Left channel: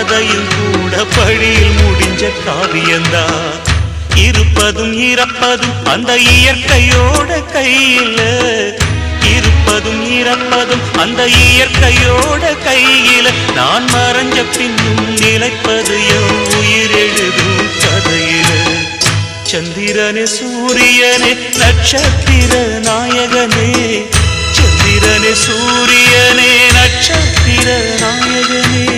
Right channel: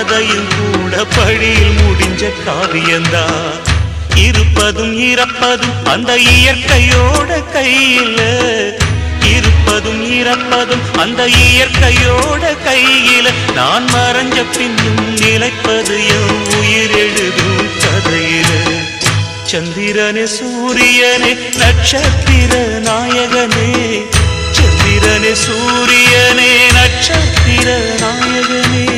கதையில் கூட படியில் முடிஞ்ச காவியந்தான். இருப்பதும் இறப்பதும் அந்த இயற்கையோட கையில, இருப்பதும் இறப்பதும் அந்த இயற்கையோட கையில. நான் மறைஞ்ச பின்னும் நிலைப்பது என் உயிர் எழுதும் கதையில. சந்திரனே சூரியனே நட்சத்திர நாயகனே, சந்திரனே சூரியனே நட்சத்திர நாயகனே.